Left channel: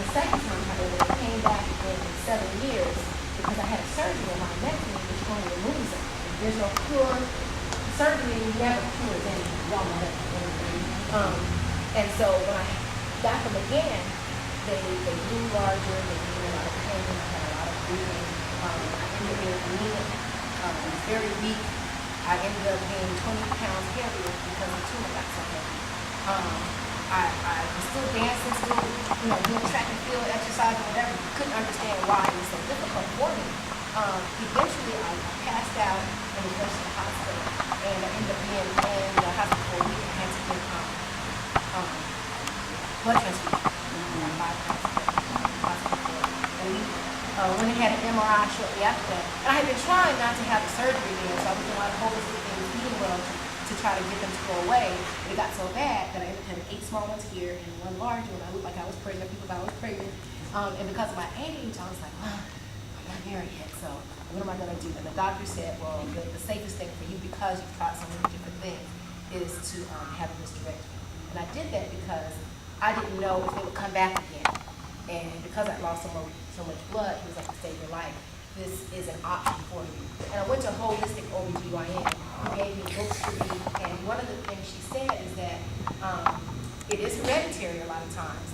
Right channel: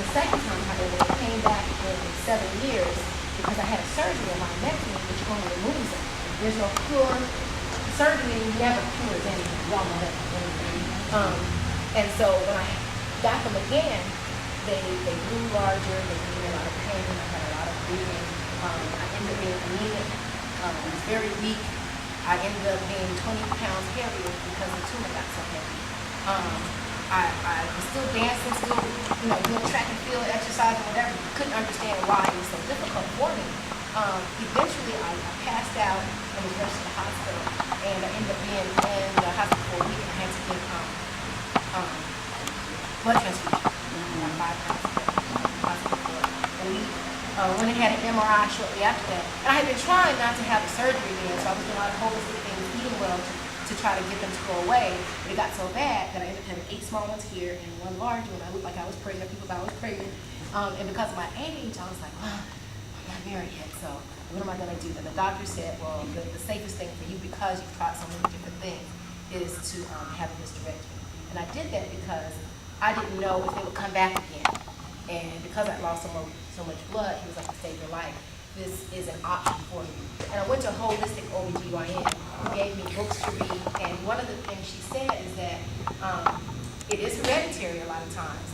The second time, however, it came back in 7 years because I had a surgery on my myectomy, which only removes it. There's no cure. Surgery never cures anything. Y'all know that. And so when I got them again, they grew larger, they gave me a lot of pain, I had a lot of bleeding. I ended up being anemic, very weak. I ended up being 20 pounds heavier because the tumor got so heavy. I was still dancing, still doing track and field, exercise, or whatever. Couldn't understand why it was so difficult for me. Eventually, I passed out and was rushed to the hospital, and I ended up being in the hospital for a week. I had to get blood transfusion. 5 pounds of hospital for a week. Went and had an MRI shortly after that. And I had been trying not to have a surgery then, so I was doing a lot of holistic things, eating well to try to get them to go away. But it got so bad that I ended up having 8 small ones here and 1 large one. I looked like I was pregnant. People thought I was pregnant. And because of my age, I was like, well, I'm not married yet, so what am I going to do? And the doctor said, well, the safest thing for you, because you've tried so many different things, is to have a hysterectomy. And I did that because I didn't know if they would come back again. And because I lost so much blood, he was like, to save your life, this is an option for you. And I went to a holistic OBGYN who gave me books to read. And one of the things she said is that it is hereditary a lot of times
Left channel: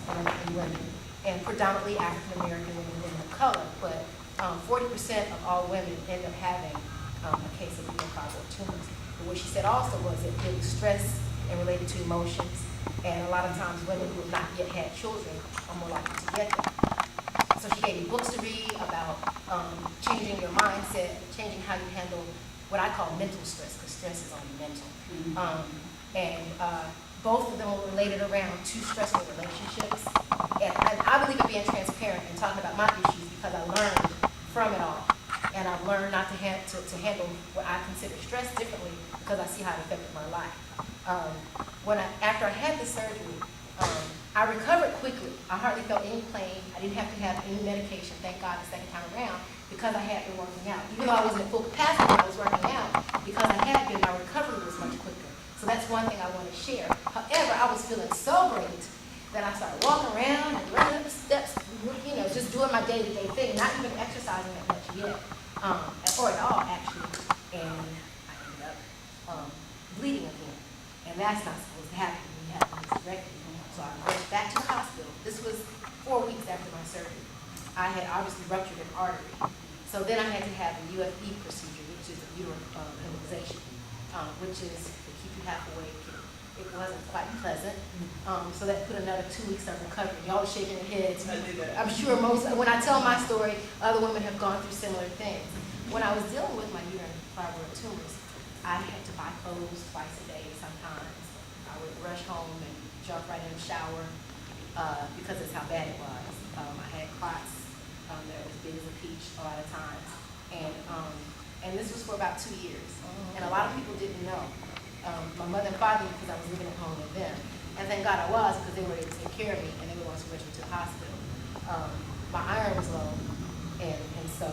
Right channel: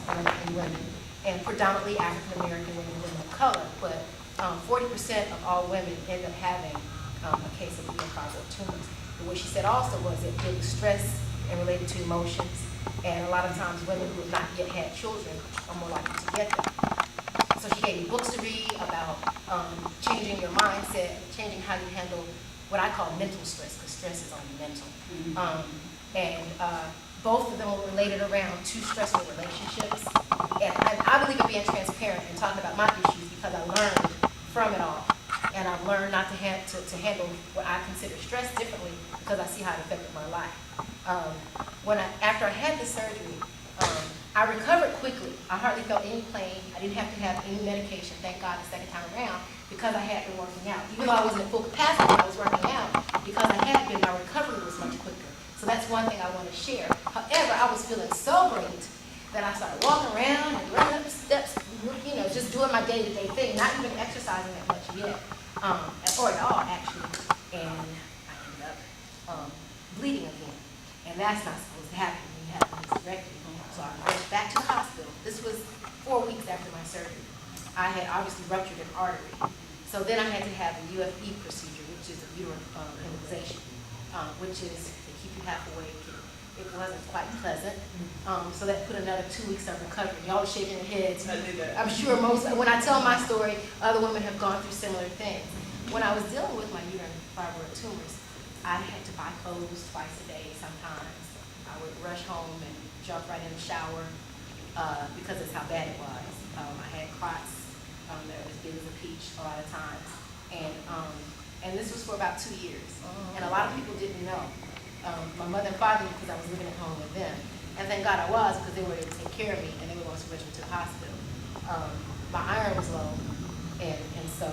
in women, and predominantly African American women, women of color. But 40% of all women end up having a case of fibroid tumors. But what she said also was that it was stress and related to emotions. And a lot of times women who have not yet had children are more likely to get them. So she gave me books to read about changing your mindset, changing how you handle what I call mental stress, because stress is only mental. Both of them were related around 2 stressful relationships. And I believe in being transparent and talking about my issues because I learned from it all. And I've learned not to handle what I consider stress differently because I see how it affected my life. After I had the surgery, I recovered quickly. I hardly felt any pain. I didn't have to have any medication, thank God, the second time around, because I had been working out. Even though I wasn't at full capacity, I was working out. Because I had been, my recovery was much quicker. So that's one thing I want to share. However, I was feeling so great that I started walking around and running up the steps, just doing my day-to-day thing, not even exercising that much yet, or at all, actually. And I ended up bleeding again. And that's not supposed to happen when you have a hysterectomy. So I rushed back to the hospital. This was 4 weeks after my surgery. I had obviously ruptured an artery. So then I had to have a UFE procedure, which is a uterine embolization, which is to keep you half awake. It wasn't quite pleasant. So that put another 2 weeks of recovery. Y'all are shaking your heads. I'm sure when I tell my story, other women have gone through similar things. When I was dealing with my uterine fibroid tumors, I had to buy clothes twice a day sometimes. I would rush home and jump right in the shower because that's how bad it was. I had clots that were as big as a peach a lot of times. And this was for about 2 years. And a lot of people didn't know. My mother and father, because I was living at home with them. And thank God I was, because they were able to take care of me, and they were also rushing me to the hospital. My iron was low, and so,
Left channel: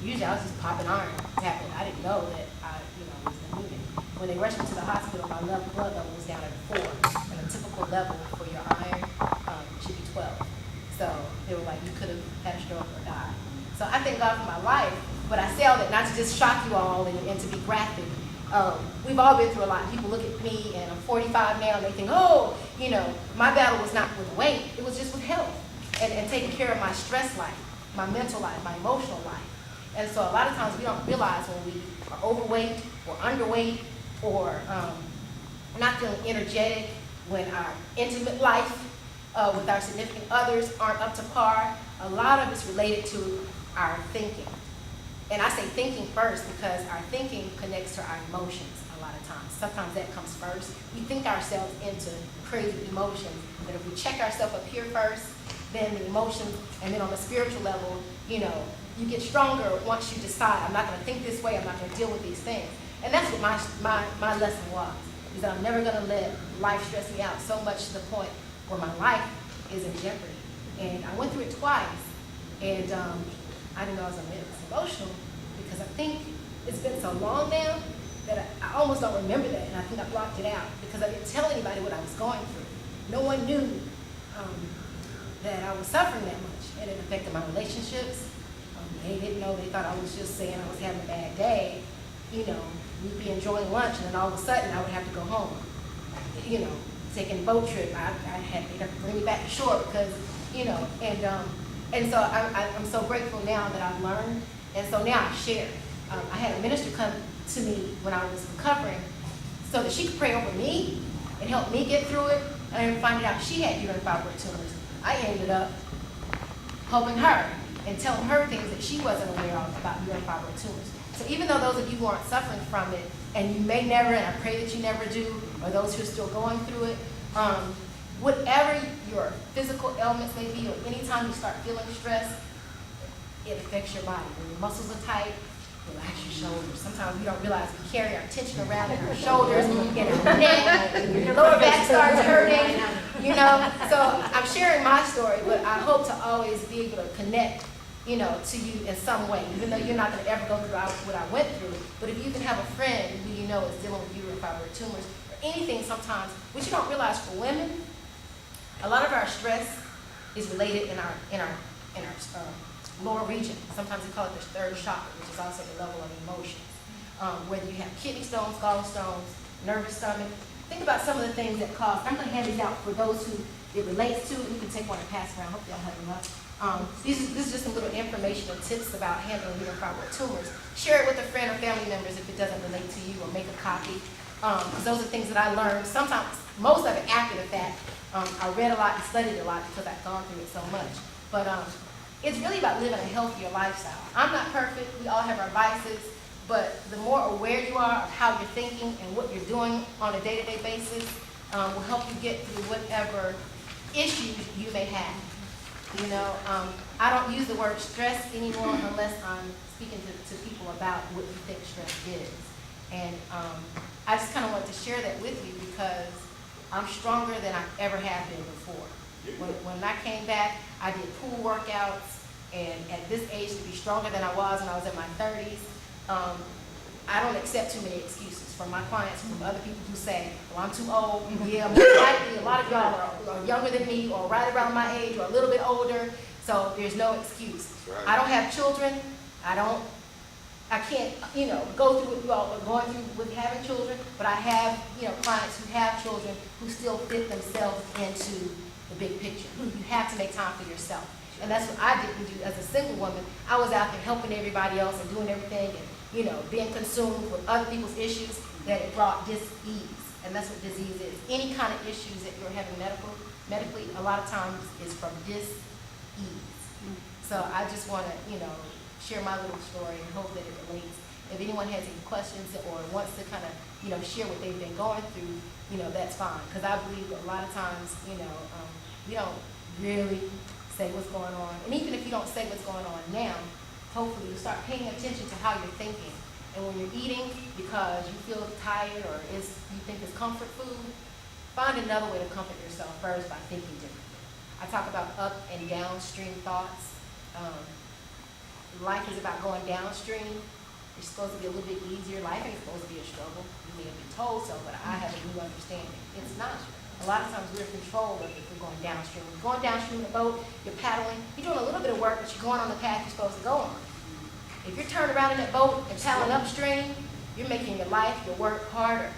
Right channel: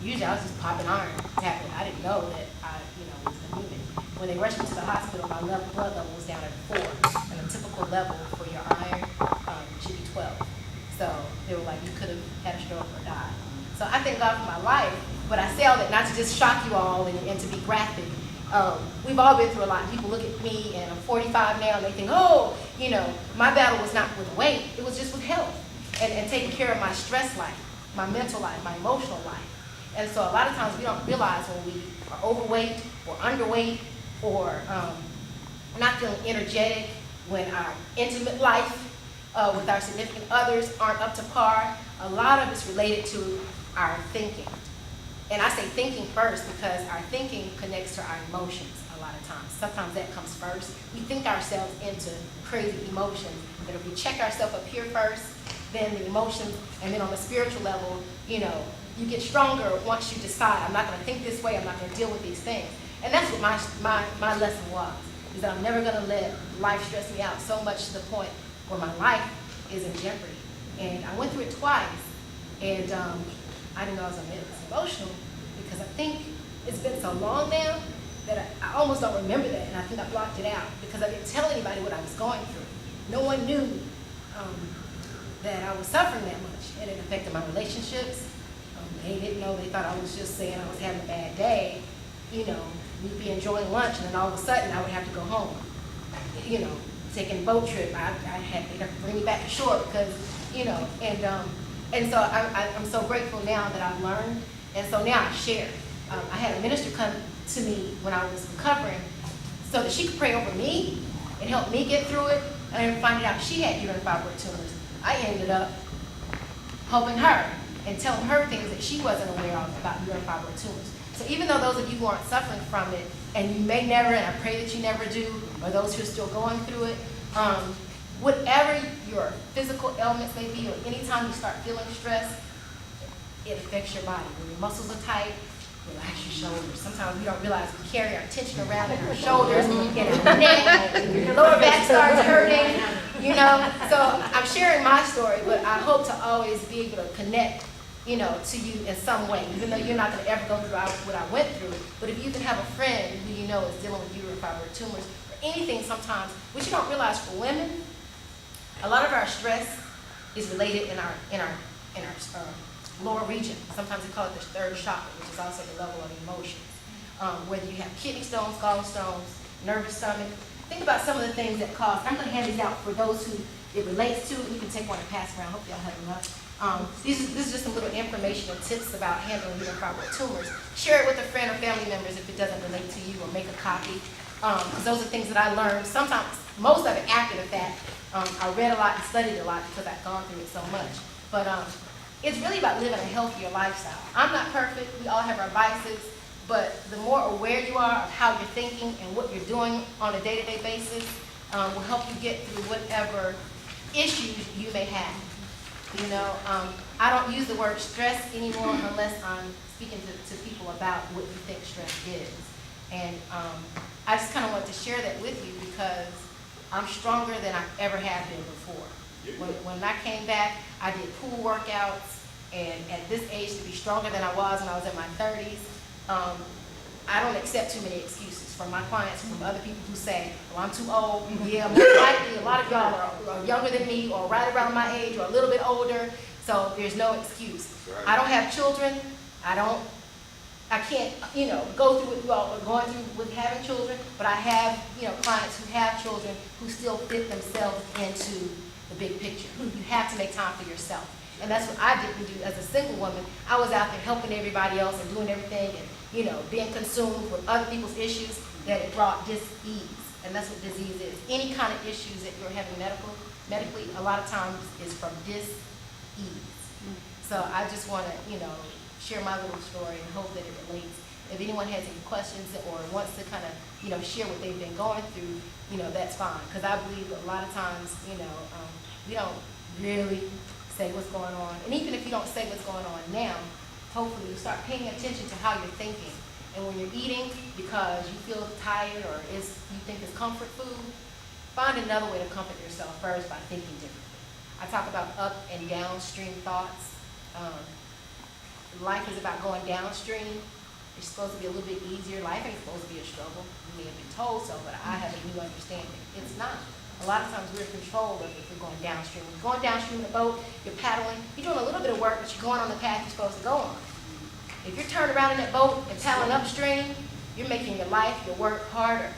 usually I was just popping iron, tapping. I didn't know that I, was anemic. When they rushed me to the hospital, my blood level was down at 4, and a typical level for your iron should be 12. So they were like, you could have had a stroke or died. So I thank God for my life, but I say all that not to just shock you all and to be graphic. We've all been through a lot. People look at me, and I'm 45 now, and they think, oh, my battle was not with weight, it was just with health and taking care of my stress life, my mental life, my emotional life. And so a lot of times we don't realize when we are overweight or underweight or not feeling energetic, when our intimate life with our significant others aren't up to par. A lot of it's related to our thinking. And I say thinking first because our thinking connects to our emotions a lot of times. Sometimes that comes first. We think ourselves into crazy emotions, but if we check ourselves up here first, then the emotions, and then on the spiritual level, you get stronger once you decide, I'm not going to think this way, I'm not going to deal with these things. And that's what my lesson was, is that I'm never going to let life stress me out so much to the point where my life is in jeopardy. And I went through it twice, and I didn't know I was going to get this emotional because I think it's been so long now that I almost don't remember that, and I think I blocked it out because I didn't tell anybody what I was going through. No one knew that I was suffering that much, and it affected my relationships. They didn't know, they thought I was just saying I was having a bad day. You know, we'd be enjoying lunch, and then all of a sudden I would have to go home. You know, taking a boat trip, they'd have to bring me back to shore because, you know, and so I'm so grateful now that I've learned, and so now I share. I had a minister come to me when I was recovering so that she could pray over me and help me get through it, and finding out she had uterine fibroid tumors. I ended up helping her and telling her things that she wasn't aware of about uterine fibroid tumors. So even though those of you who aren't suffering from it, and you may never, and I pray that you never do, or those who are still going through it, whatever your physical ailments may be, or anytime you start feeling stress, it affects your body. When your muscles are tight, relax your shoulders. Sometimes we don't realize we carry our tension around in our shoulders, in our neck, and your lower back starts hurting, you know. So I'm sharing my story, but I hope to always be able to connect, you know, to you in some way, even though you're not going to ever go through what I went through. But if you can have a friend who you know is dealing with uterine fibroid tumors, or anything sometimes, which you don't realize for women, a lot of our stress is related in our lower region. Sometimes they call it the third chakra, which is also the level of emotions. Whether you have kidney stones, gallstones, nervous stomach. Think about some of the things that cause. I'm going to hand these out for those who it relates to. You can take one and pass around. Hope y'all have enough. This is just some little information and tips about handling uterine fibroid tumors. Share it with a friend or family members if it doesn't relate to you, or make a copy. Because those are things that I learned. Sometimes, most of it after the fact. I read a lot and studied a lot because I've gone through it so much. But it's really about living a healthier lifestyle. I'm not perfect. We all have our vices. But the more aware you are of how you're thinking and what you're doing on a day-to-day basis will help you get through whatever issues you may have. You know, I don't use the word stress anymore unless I'm speaking to people about what you think stress is. And I just kind of wanted to share that with you because I'm stronger than I ever have been before. When I came back, I did pool workouts, and at this age, to be stronger than I was when I was in my 30s, I don't accept too many excuses from my clients, from other people who say, well, I'm too old. Yeah, most likely a lot of y'all are younger than me, or right around my age, or a little bit older, so there's no excuse. Right. I don't have children. I can't, you know, go through what you all are going through with having children, but I have, you know, clients who have children who still fit themselves into the big picture. You have to make time for yourself. And that's what I didn't do as a single woman. I was out there helping everybody else and doing everything and, you know, being consumed with other people's issues, that it brought dis-ease. And that's what disease is. Any kind of issues that you're having medically, a lot of times is from dis-ease. So I just want to, you know, share my little story and hope that it relates. If anyone has any questions or wants to kind of, you know, share what they've been going through, you know, that's fine. Because I believe a lot of times, you know, we don't really say what's going on. And even if you don't say what's going on now, hopefully you start paying attention to how you're thinking. And when you're eating because you feel tired or you think it's comfort food, find another way to comfort yourself first by thinking differently. I talk about up and downstream thoughts. Life is about going downstream. It's supposed to be a little bit easier. Life ain't supposed to be a struggle. You may have been told so, but I have a new understanding. It's not. A lot of times we're in control of if we're going downstream. When you're going downstream in a boat, you're paddling, you're doing a little bit of work, but you're going on the path you're supposed to go on. If you're turned around in that boat and paddling upstream, you're making your life, your work harder.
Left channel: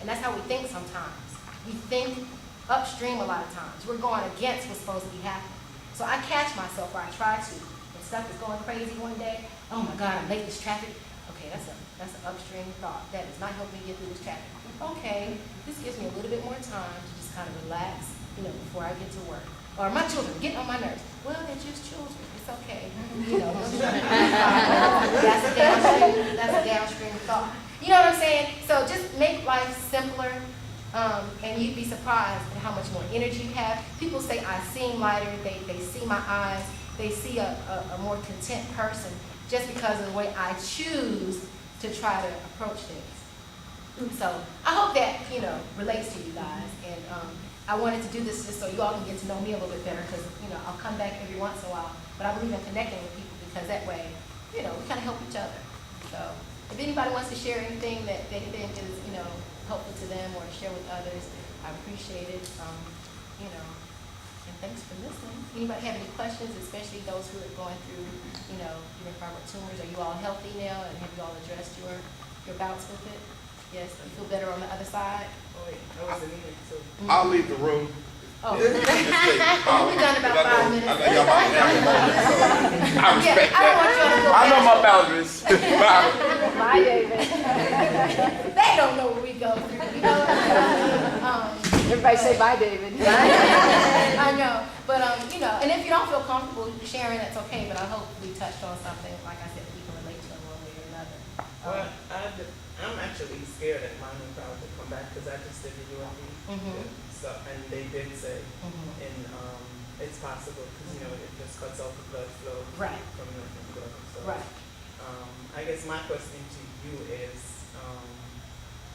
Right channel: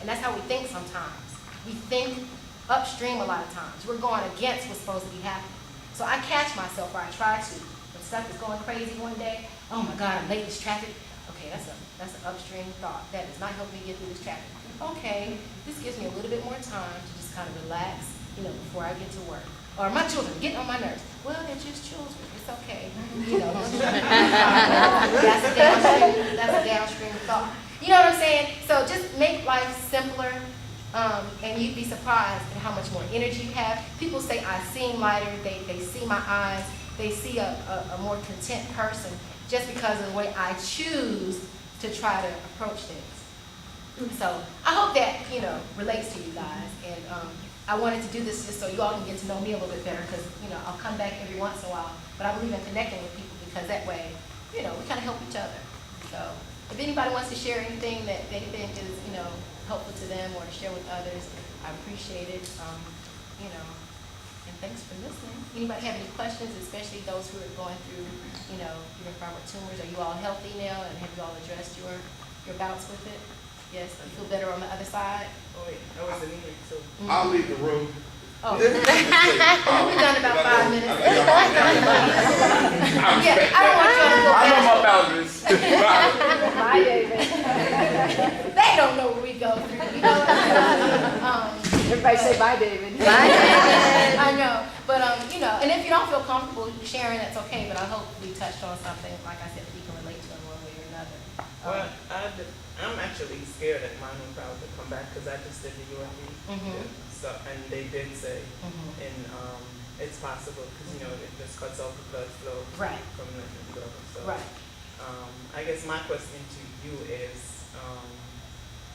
And that's how we think sometimes. We think upstream a lot of times. We're going against what's supposed to be happening. So I catch myself, or I try to. When stuff is going crazy one day, oh my God, I'm late, this traffic. Okay, that's an upstream thought. That does not help me get through this traffic. Okay, this gives me a little bit more time to just kind of relax, you know, before I get to work. Or my children getting on my nerves. Well, they're just children. It's okay. You know, that's a downstream thought. You know what I'm saying? So just make life simpler, and you'd be surprised at how much more energy you have. People say I seem lighter. They see my eyes. They see a more content person just because of the way I choose to try to approach things. So I hope that, you know, relates to you guys. And I wanted to do this just so you all can get to know me a little bit better, because, you know, I'll come back every once in a while. But I believe in connecting with people, because that way, you know, we kind of help each other. So if anybody wants to share anything that they think is, you know, helpful to them or to share with others, I appreciate it. You know, And thanks for listening. Anybody have any questions, especially those who are going through, uterine fibroid tumors? Are you all healthy now, and have you all addressed your bouts with it? Yes, you feel better on the other side? Oh, wait, I was anemic too. I'll leave the room. Oh. We've done about 5 minutes. Yeah, I don't want you to go back. I know my boundaries. Bye, David. They don't know what we go through, Everybody say bye, David. Bye, David. I know, but and if you don't feel comfortable sharing, that's okay. But I hope we touched on something, like I said, that you can relate to in one way or another. Well, I'm actually scared that mine will probably come back because I just did the UMD. So, and they did say, and it's possible because it just cuts off the blood flow from the blood. So, I guess my question to you is,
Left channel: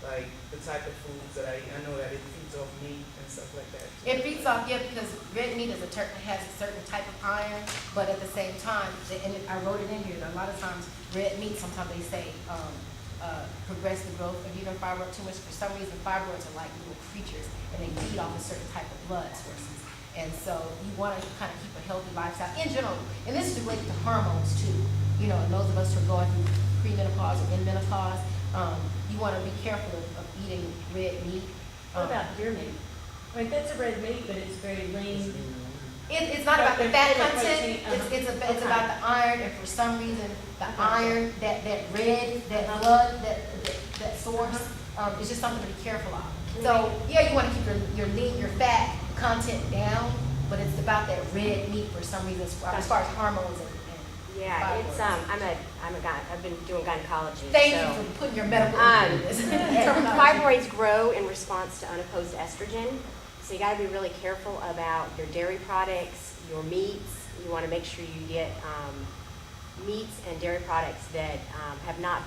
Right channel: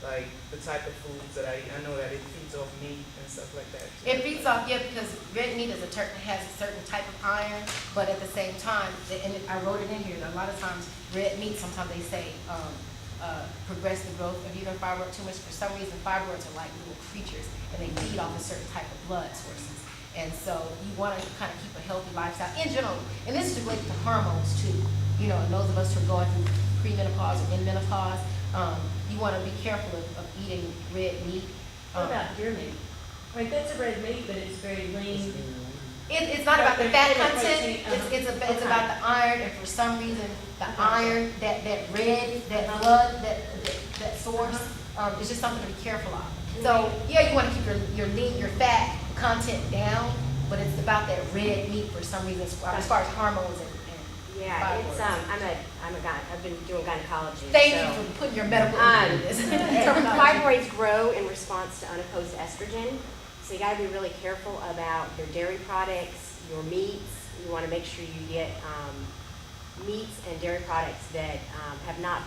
like the type of foods that I know that it feeds off meat and stuff like that. It feeds off, because red meat has a certain type of iron, but at the same time, and I wrote it in here, that a lot of times red meat, sometimes they say progress the growth of uterine fibroid tumors. For some reason, fibroids are like little creatures, and they feed off a certain type of blood sources. And so you want to kind of keep a healthy lifestyle in general. And this is related to hormones too. And those of us who are going through premenopause or in menopause, you want to be careful of eating red meat. What about deer meat? Right, that's a red meat, but it's very lean. It's not about the fat content. Protein, It's about the iron, and for some reason, the iron, that red, that blood, that source, is just something to be careful of. So yeah, you want to keep your fat content down, but it's about that red meat for some reason, as far as hormones and Yeah, it's I've been doing gynecology. Thank you for putting your medical into this. Fibroids grow in response to unopposed estrogen, so you got to be really careful about your dairy products, your meats. You want to make sure you get meats and dairy products that have not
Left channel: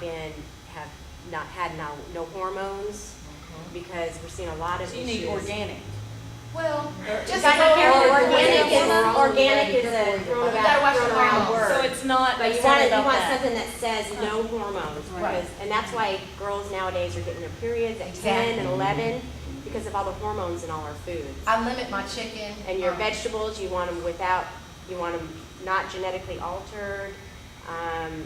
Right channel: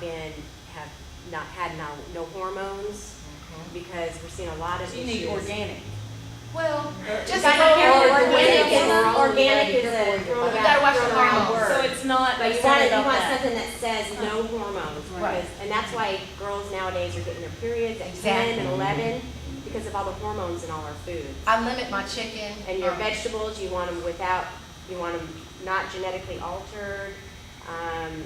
had no hormones, because we're seeing a lot of So you issues. need organic. Well, just organic is a thrown around word. So it's not. But you want something that says no hormones, Right. and that's why girls nowadays are getting their periods at 10 and 11 because of all the hormones in all our foods. I limit my chicken. And your vegetables, you want them not genetically altered. And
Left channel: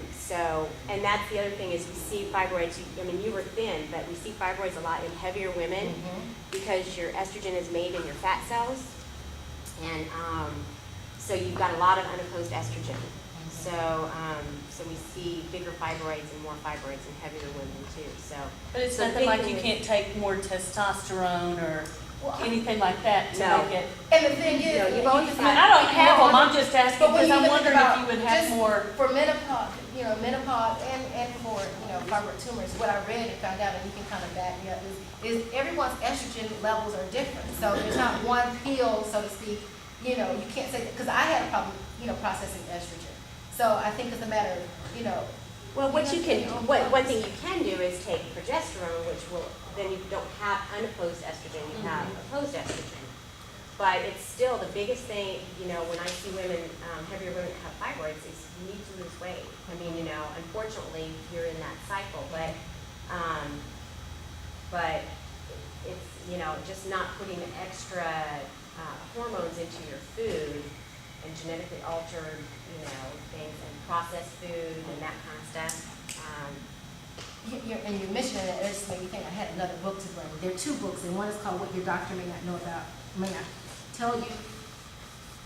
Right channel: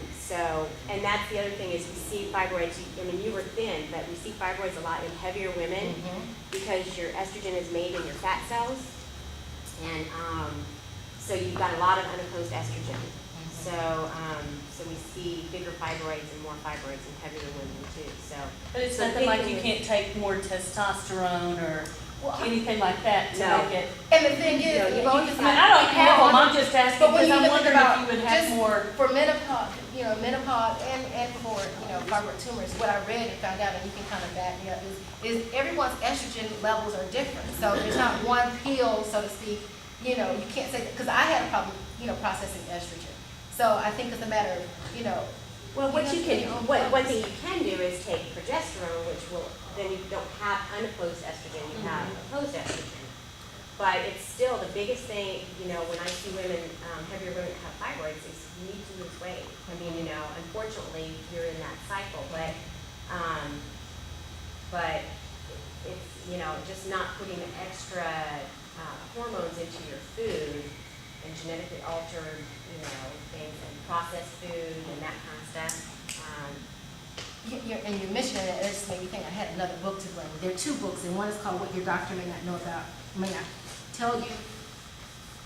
that's the other thing is we see fibroids. You were thin, but we see fibroids a lot in heavier women because your estrogen is made in your fat cells, and so you've got a lot of unopposed estrogen. So we see bigger fibroids and more fibroids in heavier women too. But it's nothing like you can't take more testosterone or anything like that to make it. And the thing is, you've always I don't have them. I'm just asking but when because you I'm think wondering about if you would have just more. for menopause, menopause and for fibroid tumors. What I read and found out, and you can kind of back me up, is everyone's estrogen levels are different. So there's not one pill, so to speak. You can't say that, because I had a problem, processing estrogen. So I think it's a matter of, Well, one thing you can do is take progesterone, which then you don't have unopposed estrogen, you have opposed estrogen. But it's still the biggest thing, when I see women, heavier women that have fibroids, is you need to lose weight. Unfortunately, you're in that cycle, but it's, just not putting extra hormones into your food and genetically altered, things, and processed food and that kind of stuff. And you mentioned that, it just made me think I had another book to bring. There are 2 books, and one is called What Your Doctor May Not Know About, May Not Tell You.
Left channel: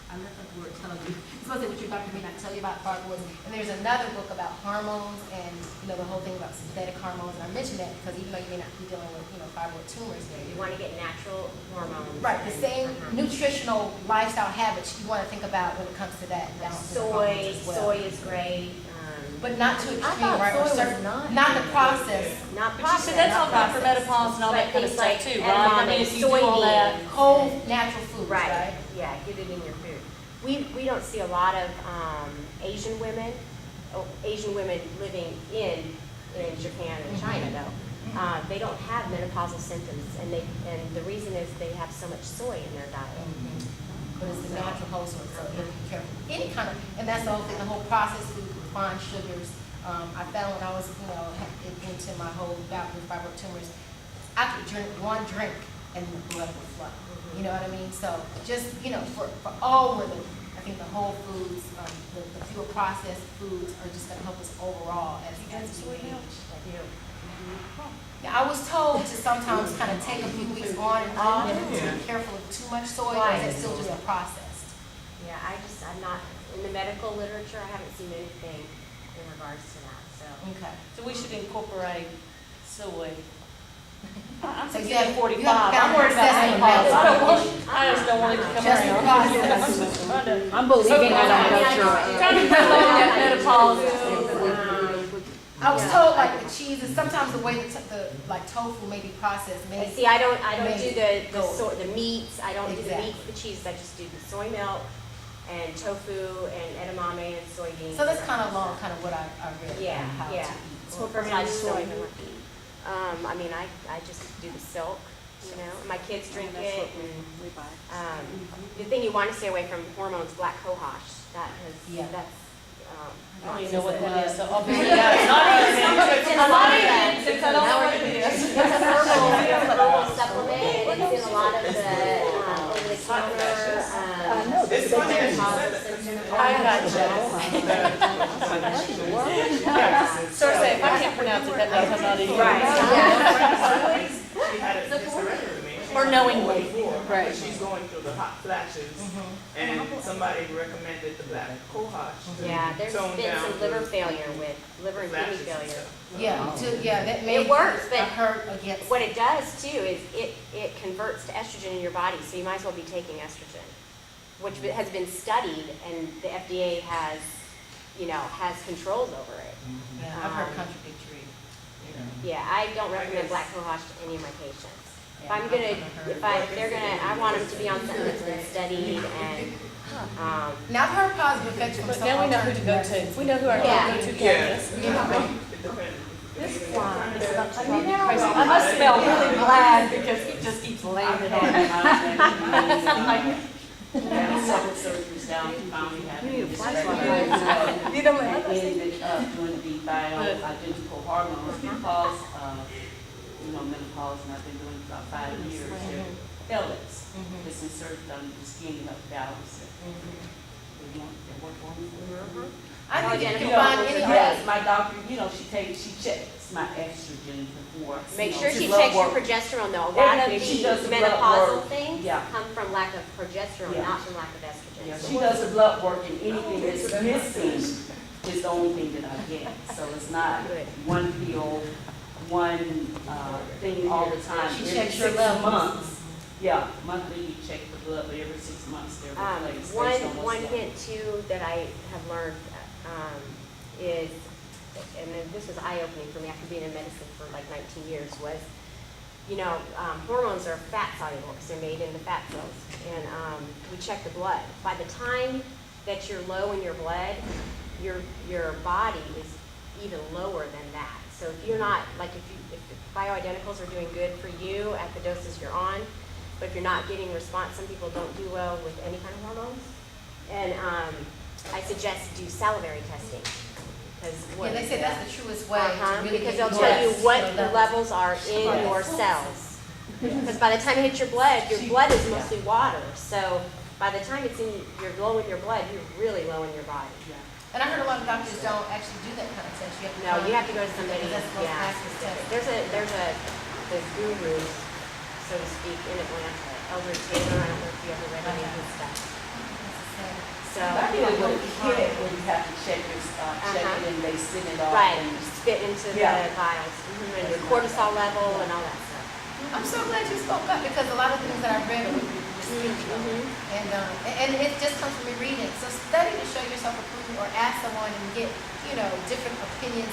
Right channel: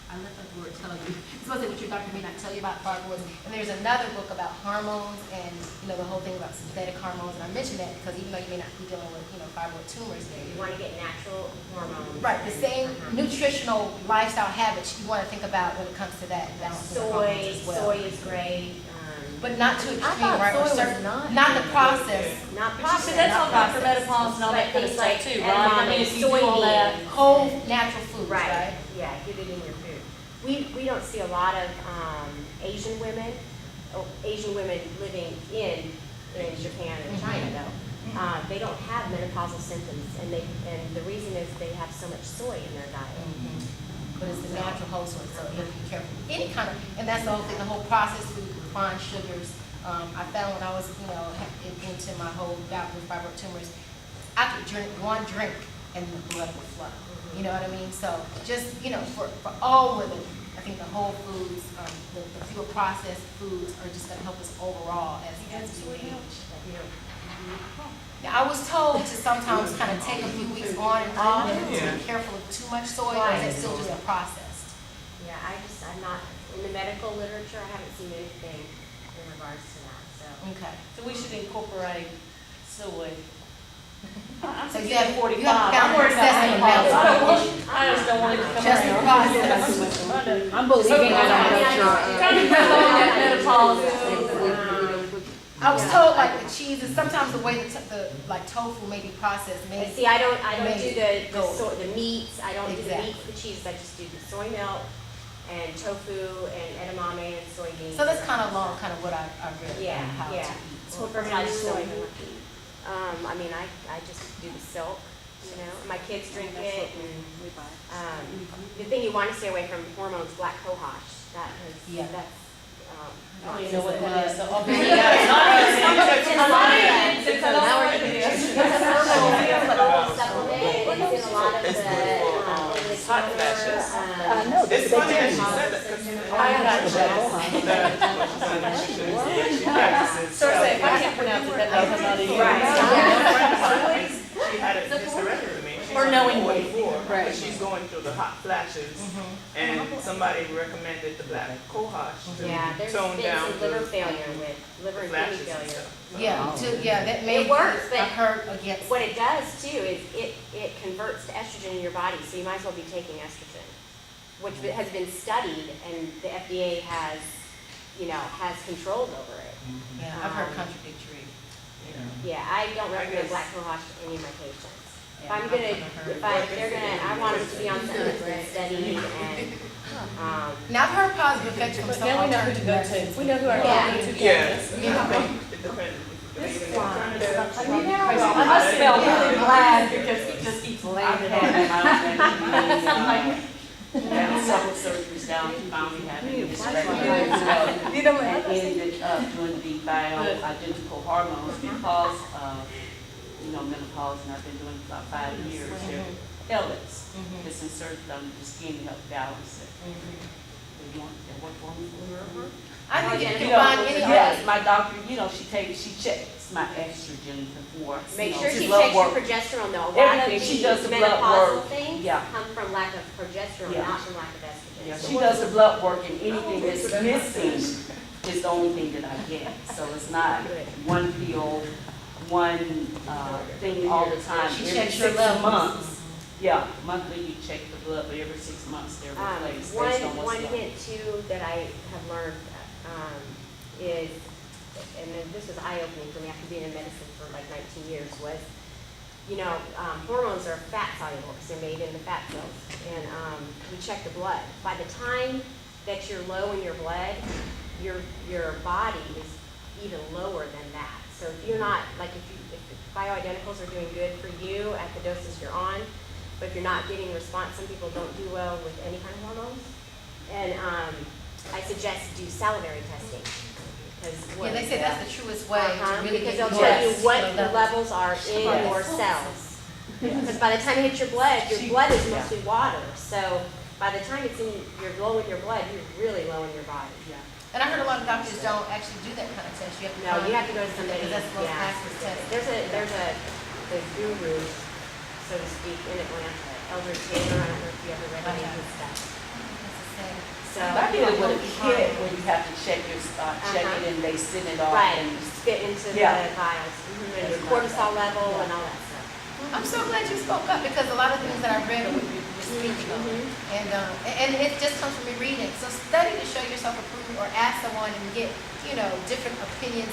I left out the word tell you. It's supposed to say what your doctor may not tell you about fibroids. And there's another book about hormones and the whole thing about synthetic hormones. And I mentioned that because even though you may not be dealing with fibroid tumors, You want to get natural hormones. right, the same nutritional lifestyle habits you want to think about when it comes to that balance. Soy is great. But not too extreme, thought right? Or soy was certain, not not the process. Not But you processed. said that's all not good for processed. menopause and all that kind of Things stuff like too, right? I mean, if you do all that. Whole natural foods, right? Yeah, get it in your food. We don't see a lot of Asian women living in Japan and China though. They don't have menopausal symptoms, and the reason is they have so much soy in their diet. But it's the natural whole source, so you have to be careful. Any kind of, and that's the whole thing, the whole processed food, refined sugars. I found when I was, into my whole bout with fibroid tumors, I could drink one drink and the blood would flow. You know what I mean? So just, for all women, I think the whole foods, the fewer processed foods are just gonna help us overall as we age. Yeah, I was told to sometimes kind of take a few weeks on and off, to be careful of too much soy, or is it still just processed? Yeah, I'm not, in the medical literature, I haven't seen anything in regards to that, so. Okay. So we should incorporate soy. I'm So you 16 have- and 45. you have to I'm worried about assess menopause. the I just don't want it to come Just around. processed. I'm believing Trying to promote that menopause. I was told like the cheeses, sometimes the way the like tofu may be processed, may. See, I don't Maybe do go. the meats, I don't do the Exactly. meats, the cheeses, I just do the soy milk and tofu and edamame and soybeans. So that's kind of long, kind of what I read Yeah, about how to yeah. eat. Well, first I just don't even like to eat. I mean, I just do the silk, and my kids drink it, and, the thing you want to stay away from hormones, black cohosh, Yeah. that's, I don't even know what that is, so I'll be. It's in a lot of It's in a lot of it's a herbal supplement, it's in a lot of the, over the counter, It's funny that she said that, 'cause I got So say, if I can't pronounce it, that means I'm not eating. Right. she had it just corrected me. She's Or on knowingly. 44, Right. but she's going through the hot flashes, and somebody recommended the black cohosh to Yeah, there's tone been down some liver the failure with, liver and kidney flashes and failure. stuff. Yeah, that may It works, but hurt against. what it does too is it converts to estrogen in your body, so you might as well be taking estrogen, which has been studied, and the FDA has controls over it. Yeah, I've heard contradictory. Yeah, I don't I recommend guess- black cohosh to any of my patients. If Yeah, I'm I've gonna, heard. I want them to be on something that's been studied and, Now I've heard positive effects from But some now we know who to go alternative to. We know who our Yeah. go-to Yeah. is. It depends. I must smell really glad because he just keeps laying it on. Had several surgeries down, finally had a You know what? I ended up doing the bioidentical hormones because of, menopause, and I've been doing it for about 5 years. They're pellets. It's inserted under the skin to help balance it. They work for me. I think you You can know, find any. Yes, my doctor, she checks my estrogen before. make sure she blood checks your work. progesterone though. A lot of Everything she does these the blood menopausal work. things Yeah. come from lack of progesterone, Yeah. not from lack of estrogen. Yeah, she does the blood work, and anything that's missing is the only thing that I get. So it's not one pill, one thing all the time. She Every checks your 6 levels. months. Yeah, monthly you check the blood, but every 6 months they're replaced based on One what's left. hint too that I have learned is, and then this was eye-opening for me after being in medicine for like 19 years, was, hormones are fat soluble because they're made in the fat cells. And we check the blood. By the time that you're low in your blood, your body is even lower than that. So if you're not, like if the bioidenticals are doing good for you at the doses you're on, but if you're not getting response, some people don't do well with any kind of hormones. And I suggest do salivary testing. Yeah, they say that's the truest way to really Because get they'll tell you yes, what so the that- levels are in your cells. Because by the time it hits your blood is mostly water. So by the time you're low in your blood, you're really low in your body. And I heard a lot of doctors don't actually do that kind of test. You have to No, you have to go to somebody, Because that's the most yeah. accurate test. There's the guru, so to speak, in Atlanta, Eldred Taylor. I don't know if you ever read any of his stuff. So, I did it with a kid where you have to check it and they send it off. right, And spit into the Yeah. vials, and your cortisol level and all that stuff. I'm so glad you spoke up because a lot of things that I read are what you're speaking of. And it just comes from me reading. So study to show yourself approved or ask someone and get, different opinions.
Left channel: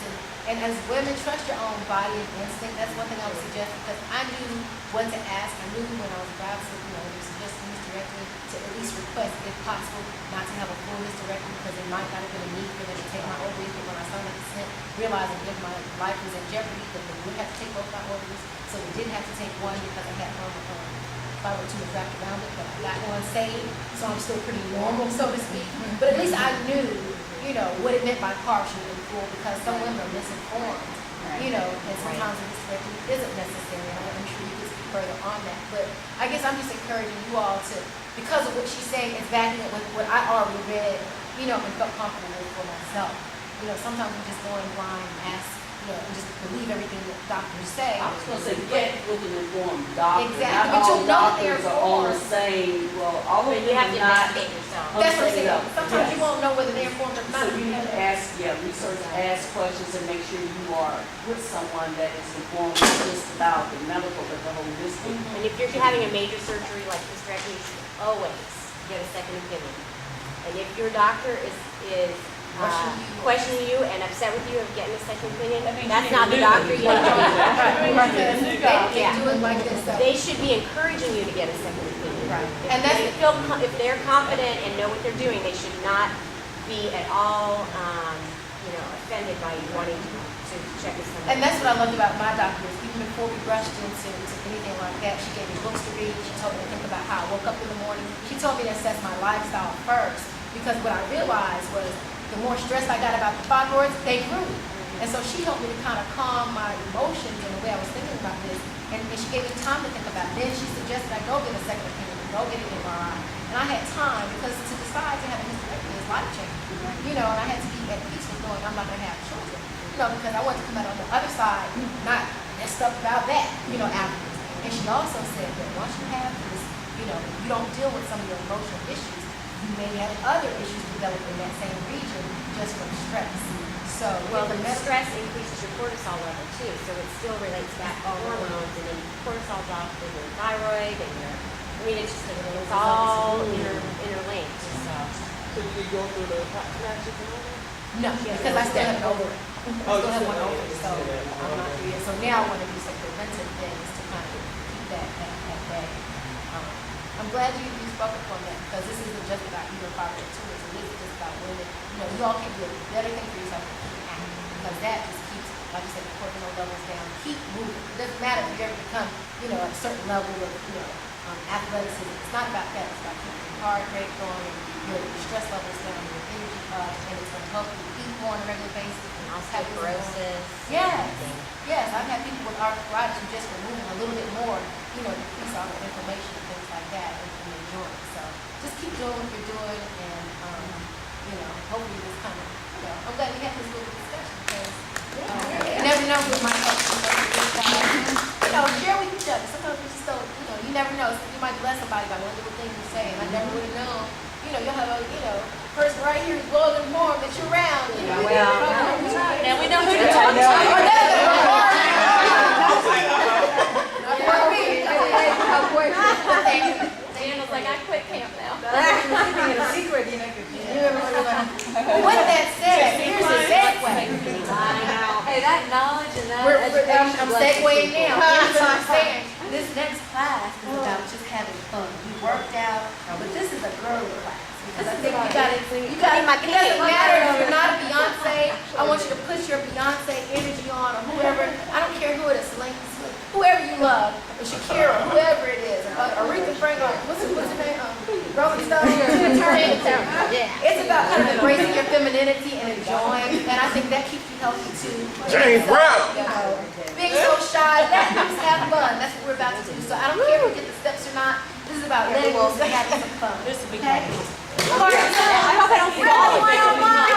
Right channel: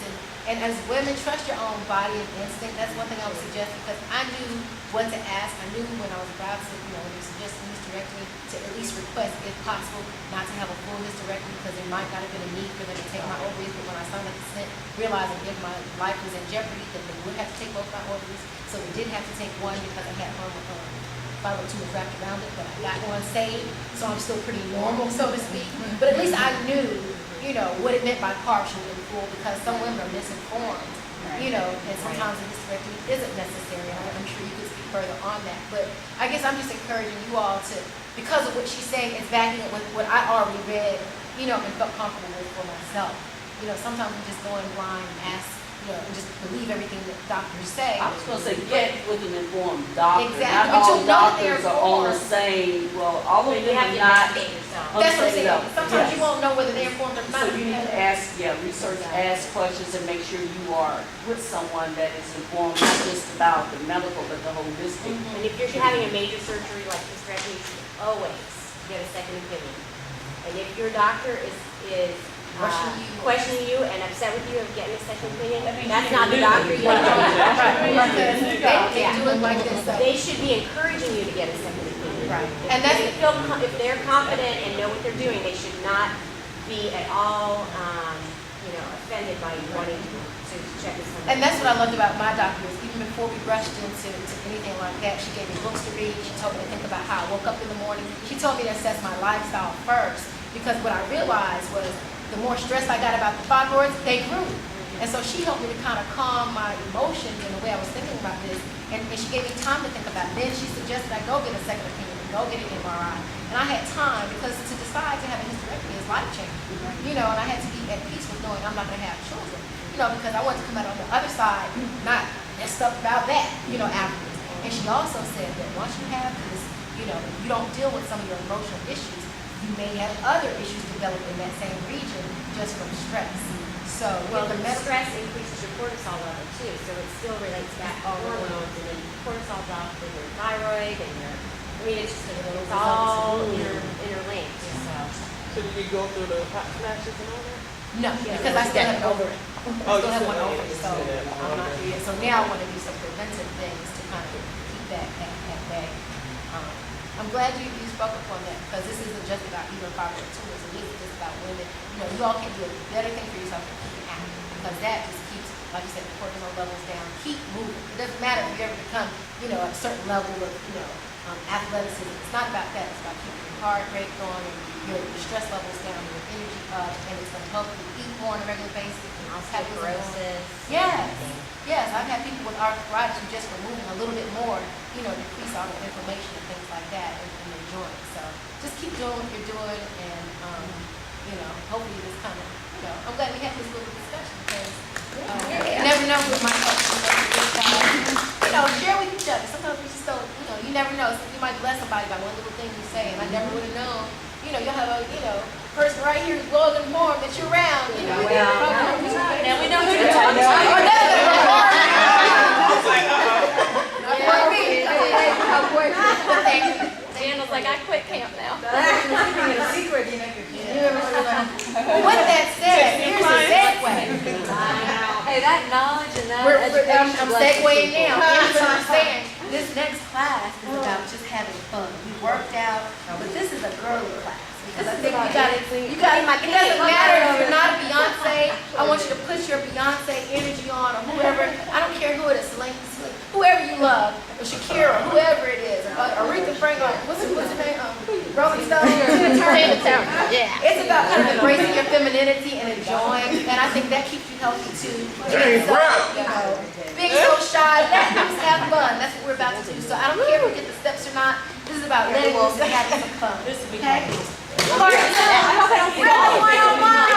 And as women, trust your own body and instinct. That's one thing I would suggest because I knew what to ask. I knew when I was about to, when they were suggesting hysterectomy to at least request, if possible, not to have a full hysterectomy because there might not have been a need for them to take my ovaries. But when I signed the consent, realizing if my life was in jeopardy, that they would have to take both my ovaries. So they did have to take one because I had thyroid wrapped around it, but I got one saved, so I'm still pretty normal, so to speak. But at least I knew, what it meant by partial and full because some women are misinformed you know, and sometimes a hysterectomy isn't necessary, and I'm sure you could speak further on that. But I guess I'm just encouraging you all to, because of what she's saying, it's backing up with what I already read, you know, and felt comfortable with for myself. You know, sometimes we just go in blind and ask, you know, and just believe everything that doctors say. I was gonna say, get with an informed doctor. Exactly, Not but all you know that they're doctors are on the informed. same, well, all of But them you have are to not. investigate yourself. on That's the what I'm same saying. level. Sometimes Yes. you won't know whether they're informed or not. So you need to ask, research, ask questions and make sure you are with someone that is informed, not just about the medical, but the holistic. And if you're having a major surgery like hysterectomy, you should always get a second opinion. And if your doctor is questioning you and upset with you of getting a second opinion, That means that's you not the knew doctor that. you want. Because they can't do it like this. So. They should be encouraging you to get a second opinion. Right. If And that's they feel if they're confident and know what they're doing, they should not be at all, offended by you wanting to check with someone. And that's what I loved about my doctor is even before we rushed into anything like that, she gave me books to read. She told me to think about how I woke up in the morning. She told me to assess my lifestyle first because what I realized was the more stressed I got about the fibroids, they grew. And so she helped me to kind of calm my emotions in the way I was thinking about this. And she gave me time to think about it. Then she suggested I go get a second opinion and go get an MRI. And I had time because to decide to have a hysterectomy is life-changing. You know, and I had to be at peace with knowing I'm not going to have children. You know, because I wanted to come out on the other side, not messed up about that, afterwards. And she also said that once you have this, if you don't deal with some of your emotional issues, you may have other issues develop in that same region just from stress. So, the stress increases your cortisol level too, so it still relates back to hormones, and then cortisol drops in your thyroid, and it's all interlinked. So did you go through the hot flashes and all that? no, because I still have over it. I Oh, still you have still one have over it. it, so I'm not through yet. So now I want to do some preventive things to kind of keep that at bay. I'm glad you spoke up on that because this isn't just about either fibroid tumors. It is just about women. You all can do a better thing for yourself than keep active because that just keeps, like you said, the cortisol levels down. Keep moving. It doesn't matter if you ever become, a certain level of, athleticism. It's not about that. It's about keeping your heart rate going and your stress levels down, your energy up, and it's going to help you eat more on a regular basis. Osteoporosis. Yes. Yes, I've had people with arthritis who just from moving a little bit more, decrease all the inflammation and things like that in their joints. So just keep doing what you're doing and, hopefully this kind of, I'm glad we had this little discussion because you never know what might help you. Share with each other. Sometimes we just don't, you never know. So you might bless somebody by one little thing you say and I never would have known. You'll have a, person right here who's well informed that you're around, Now we know who to talk Daniel's like, I quit camp now. With that said, here's a segue. Hey, that knowledge and that education. I'm segueing now. Here's what I'm saying. This next class is about just having fun. We worked out, but this is a girly class. Because I think it doesn't matter if you're not a Beyonce. I want you to put your Beyonce energy on or whoever. I don't care who it is, whoever you love, or Shakira, whoever it is, or Aretha Franklin, what's her name? Rolling Stone. Yeah. It's about kind of embracing your femininity and enjoying, and I think that keeps you healthy too. James Brown. Being so shy, let loose, have fun. That's what we're about to do. So I don't care if we get the steps or not. This is about letting loose and having some fun. This will be Okay? great. I hope I don't fall.